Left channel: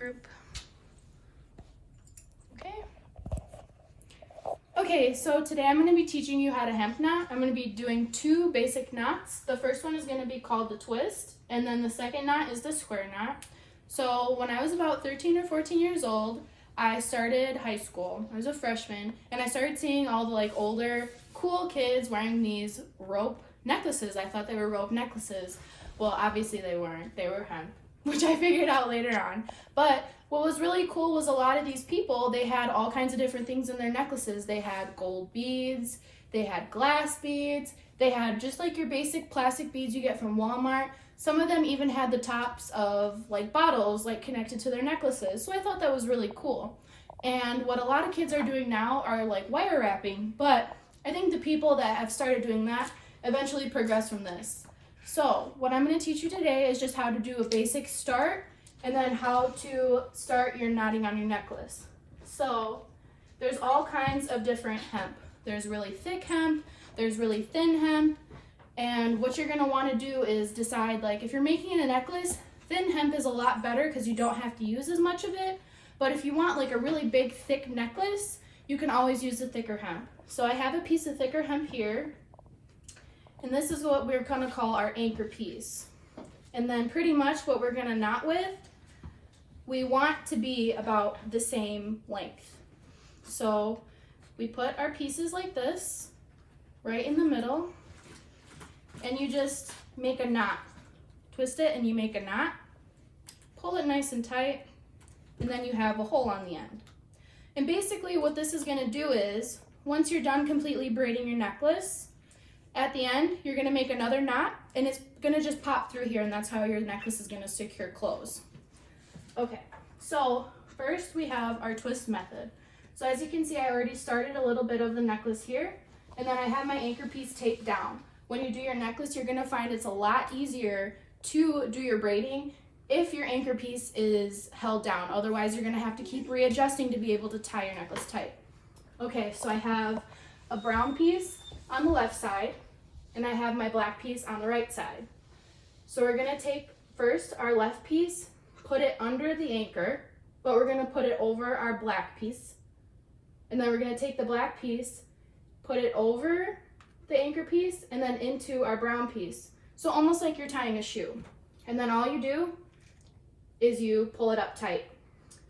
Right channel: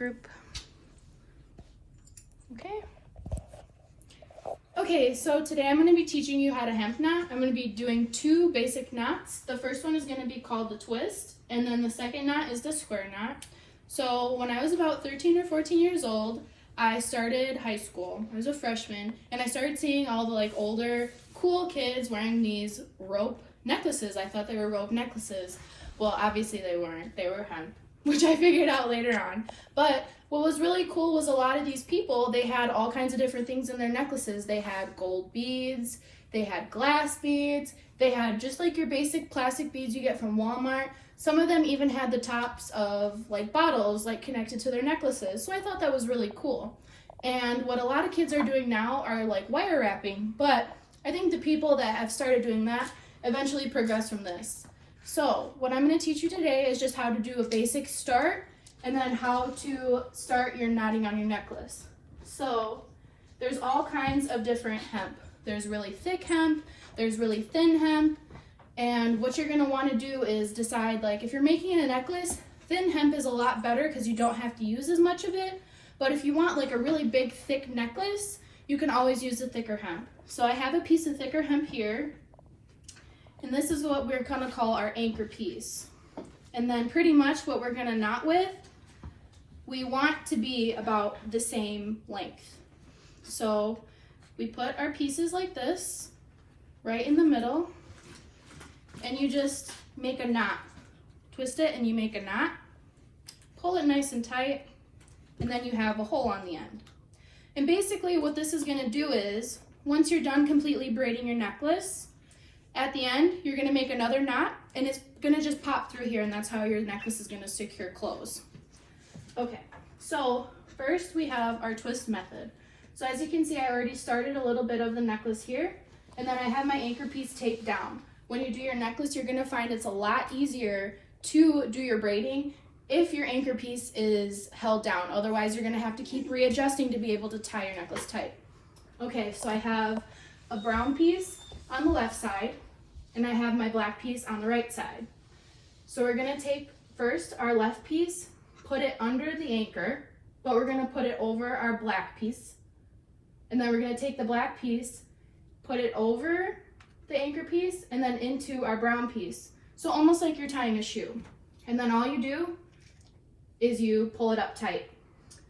group. Okay, so today I'm going to be teaching you how to hemp knot. I'm going to be doing two basic knots. The first one is going to be called the twist, and then the second knot is the square knot. So when I was about 13 or 14 years old, I started high school. I was a freshman, and I started seeing all the older, cool kids wearing these rope necklaces. I thought they were rope necklaces. Well, obviously they weren't. They were hemp, which I figured out later on. But what was really cool was a lot of these people, they had all kinds of different things in their necklaces. They had gold beads, they had glass beads, they had just like your basic plastic beads you get from Walmart. Some of them even had the tops of bottles connected to their necklaces. So I thought that was really cool. And what a lot of kids are doing now are wire wrapping, but I think the people that have started doing that eventually progress from this. So what I'm going to teach you today is just how to do a basic start and then how to start your knotting on your necklace. So there's all kinds of different hemp. There's really thick hemp, there's really thin hemp, and what you're going to want to do is decide if you're making a necklace, thin hemp is a lot better because you don't have to use as much of it, but if you want a really big thick necklace, you can always use the thicker hemp. So I have a piece of thicker hemp here, and this is what we're going to call our anchor piece. And then pretty much what we're going to knot with, we want to be about the same length. So we put our pieces like this, right in the middle, and you just make a knot. Twist it and you make a knot, pull it nice and tight, and then you have a hole on the end. And basically what this is going to do is, once you're done completely braiding your necklace, at the end, you're going to make another knot, and it's going to just pop through here, and that's how your necklace is going to secure close. Okay, so first we have our twist method. So as you can see, I already started a little bit of the necklace here, and then I have my anchor piece taped down. When you do your necklace, you're going to find it's a lot easier to do your braiding if your anchor piece is held down. Otherwise, you're going to have to keep readjusting to be able to tie your necklace tight. Okay, so I have a brown piece on the left side, and I have my black piece on the right side. So we're going to take first our left piece, put it under the anchor, but we're going to put it over our black piece. And then we're going to take the black piece, put it over the anchor piece, and then into our brown piece. So almost like you're tying a shoe. And then all you do is you pull it up tight.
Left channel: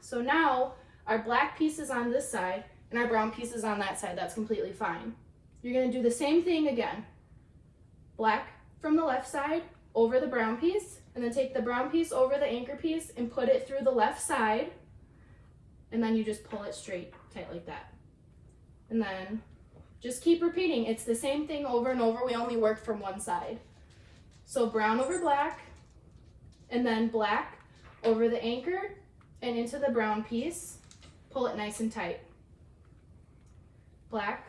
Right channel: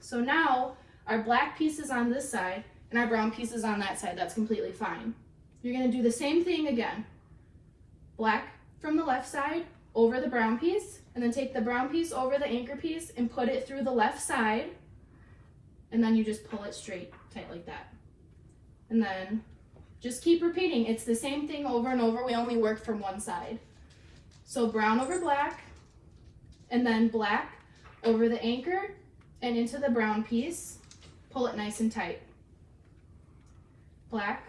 So now our black piece is on this side and our brown piece is on that side. That's completely fine. You're going to do the same thing again. Black from the left side over the brown piece, and then take the brown piece over the anchor piece and put it through the left side, and then you just pull it straight tight like that. And then just keep repeating. It's the same thing over and over. We only work from one side. So brown over black, and then black over the anchor and into the brown piece. Pull it nice and tight. Black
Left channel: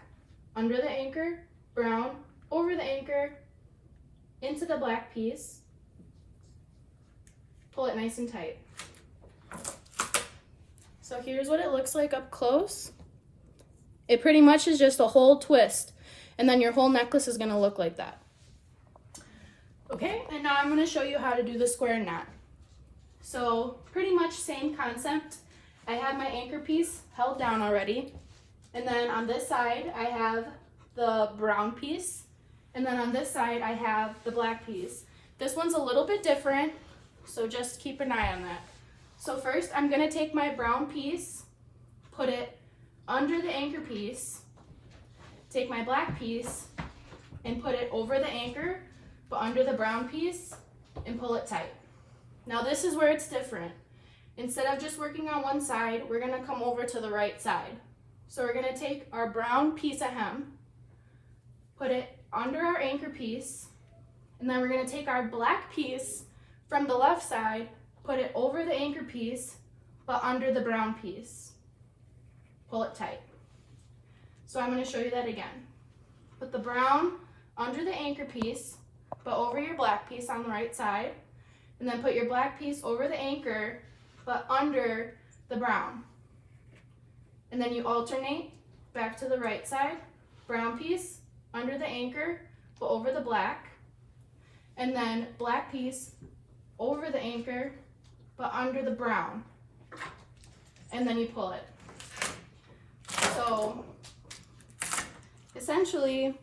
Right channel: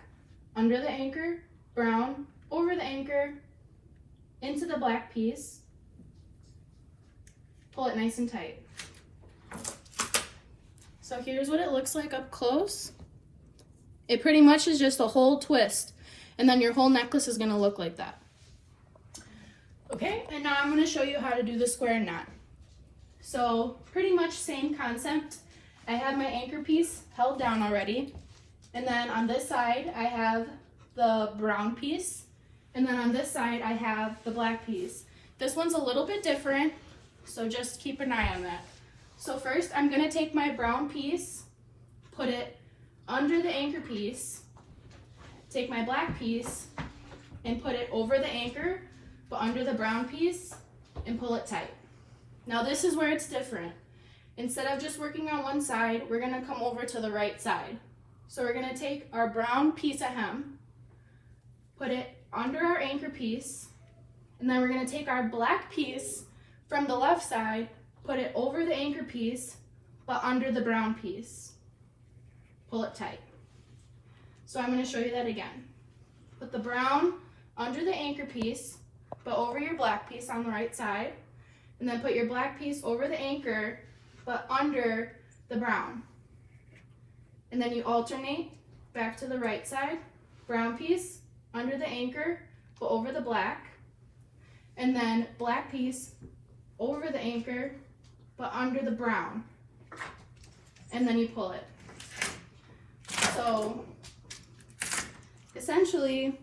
under the anchor, brown over the anchor, into the black piece. Pull it nice and tight. So here's what it looks like up close. It pretty much is just a whole twist, and then your whole necklace is going to look like that. Okay, and now I'm going to show you how to do the square knot. So pretty much same concept. I have my anchor piece held down already, and then on this side I have the brown piece, and then on this side I have the black piece. This one's a little bit different, so just keep an eye on that. So first I'm going to take my brown piece, put it under the anchor piece, take my black piece and put it over the anchor but under the brown piece and pull it tight. Now this is where it's different. Instead of just working on one side, we're going to come over to the right side. So we're going to take our brown piece of hemp, put it under our anchor piece, and then we're going to take our black piece from the left side, put it over the anchor piece, but under the brown piece. Pull it tight. So I'm going to show you that again. Put the brown under the anchor piece, but over your black piece on the right side, and then put your black piece over the anchor, but under the brown. And then you alternate back to the right side, brown piece under the anchor, but over the black, and then black piece over the anchor, but under the brown. and then you pull it. So essentially,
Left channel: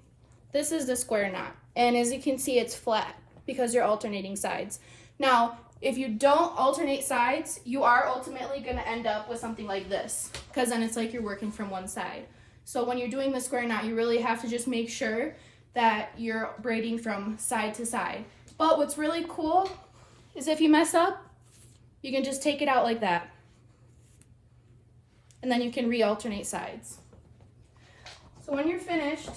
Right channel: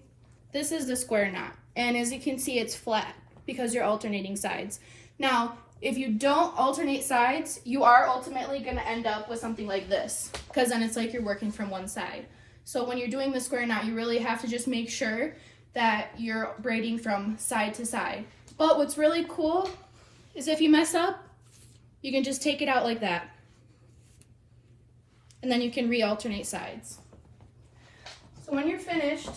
this is the square knot. And as you can see, it's flat because you're alternating sides. Now, if you don't alternate sides, you are ultimately going to end up with something like this, because then it's like you're working from one side. So when you're doing the square knot, you really have to just make sure that you're braiding from side to side. But what's really cool is if you mess up, you can just take it out like that. And then you can re-alternate sides. So when you're finished,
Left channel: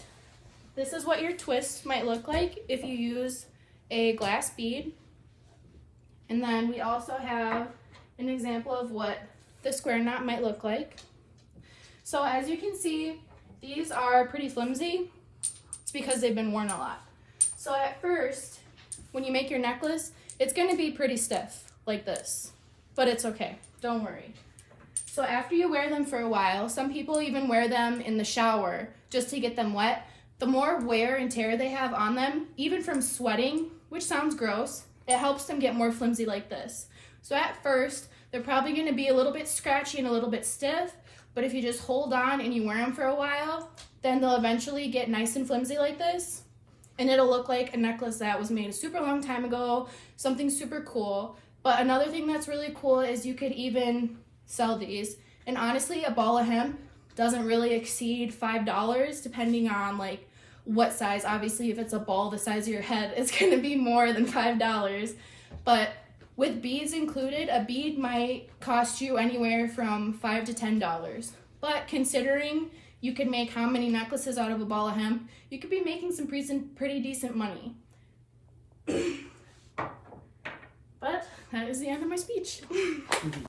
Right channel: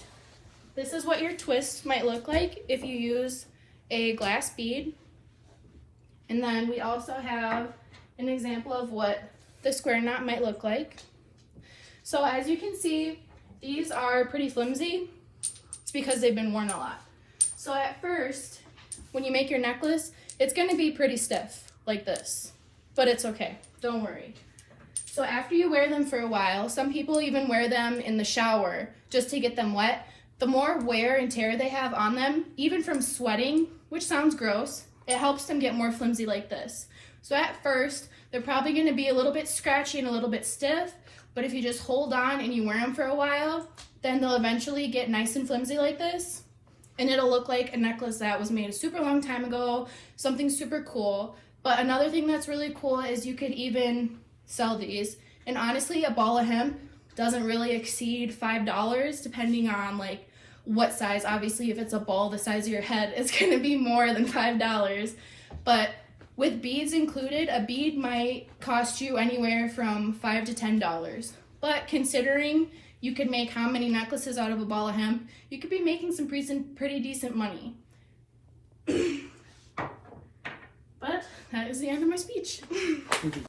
this is what your twist might look like if you use a glass bead. And then we also have an example of what the square knot might look like. So as you can see, these are pretty flimsy. It's because they've been worn a lot. So at first, when you make your necklace, it's going to be pretty stiff, like this. But it's okay, don't worry. So after you wear them for a while, some people even wear them in the shower just to get them wet. The more wear and tear they have on them, even from sweating, which sounds gross, it helps them get more flimsy like this. So at first, they're probably going to be a little bit scratchy and a little bit stiff, but if you just hold on and you wear them for a while, then they'll eventually get nice and flimsy like this, and it'll look like a necklace that was made a super long time ago, something super cool. But another thing that's really cool is you could even sell these, and honestly, a ball of hemp doesn't really exceed $5 depending on like what size. Obviously, if it's a ball the size of your head, it's going to be more than $5. But with beads included, a bead might cost you anywhere from $5 to $10. But considering you could make how many necklaces out of a ball of hemp, you could be making some pretty decent money. But that is the end of my speech.